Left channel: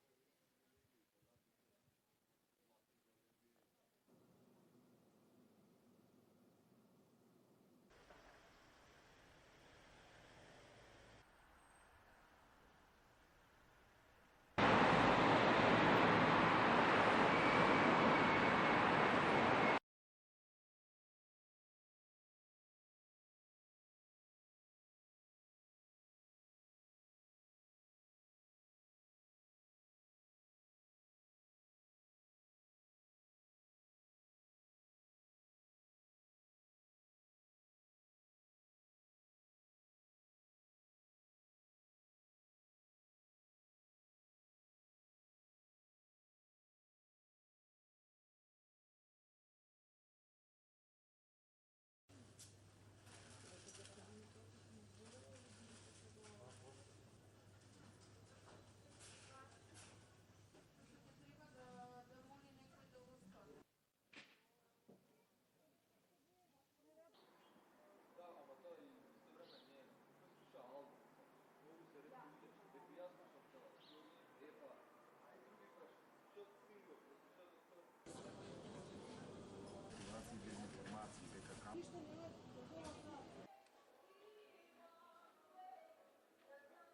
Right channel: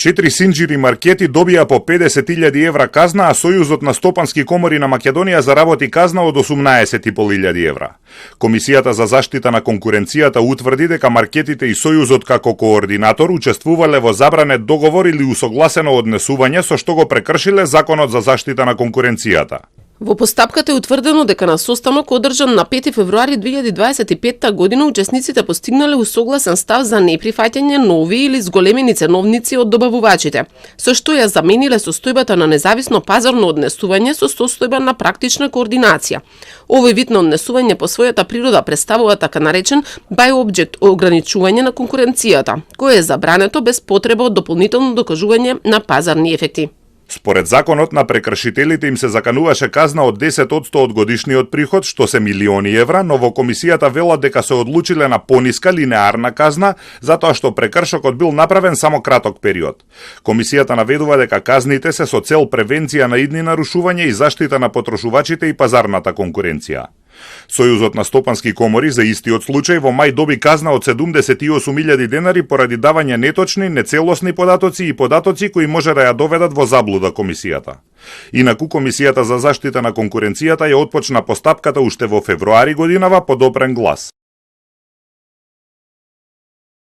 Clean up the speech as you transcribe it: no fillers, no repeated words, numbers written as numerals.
4 синџири маркети добија по 50.000 евра казна, а Сојузот на стопански комори на Македонија заработи казна од 18.500 евра. Комисијата за заштита на конкуренцијата утврди дека маркетите и Сојузот како координатор учествувале во забранет договор или усогласено однесување со што го прекршиле Законот за заштита на конкуренцијата. Во постапката е утврдено дека на состанок одржан на 5 февруари 2025 година учесниците постигнале усогласен став за неприфаќање нови или зголемени ценовници од добавувачите, со што ја замениле состојбата на независно пазарно однесување со состојба на практична координација. Овој вид на однесување по својата природа представува така наречен by object ограничување на конкуренцијата, кое е забрането без потреба од дополнително докажување на пазарни ефекти. Според законот на прекршителите им се закануваше казна од 10% од годишниот приход, што се милиони евра, но во комисијата велат дека се одлучиле на пониска линеарна казна, затоа што прекршокот бил направен само краток период. Комисијата наведува дека казните се со цел превенција на идни нарушувања и заштита на потрошувачите и пазарната конкуренција. Сојузот на стопански комори за истиот случај во мај доби казна од 78.000 денари поради давање неточни, нецелосни податоци и податоци кои може да ја доведат во заблуда комисијата. Инаку Комисијата за заштита на конкуренцијата ја отпочна постапката уште во февруари годинава по допрен глас.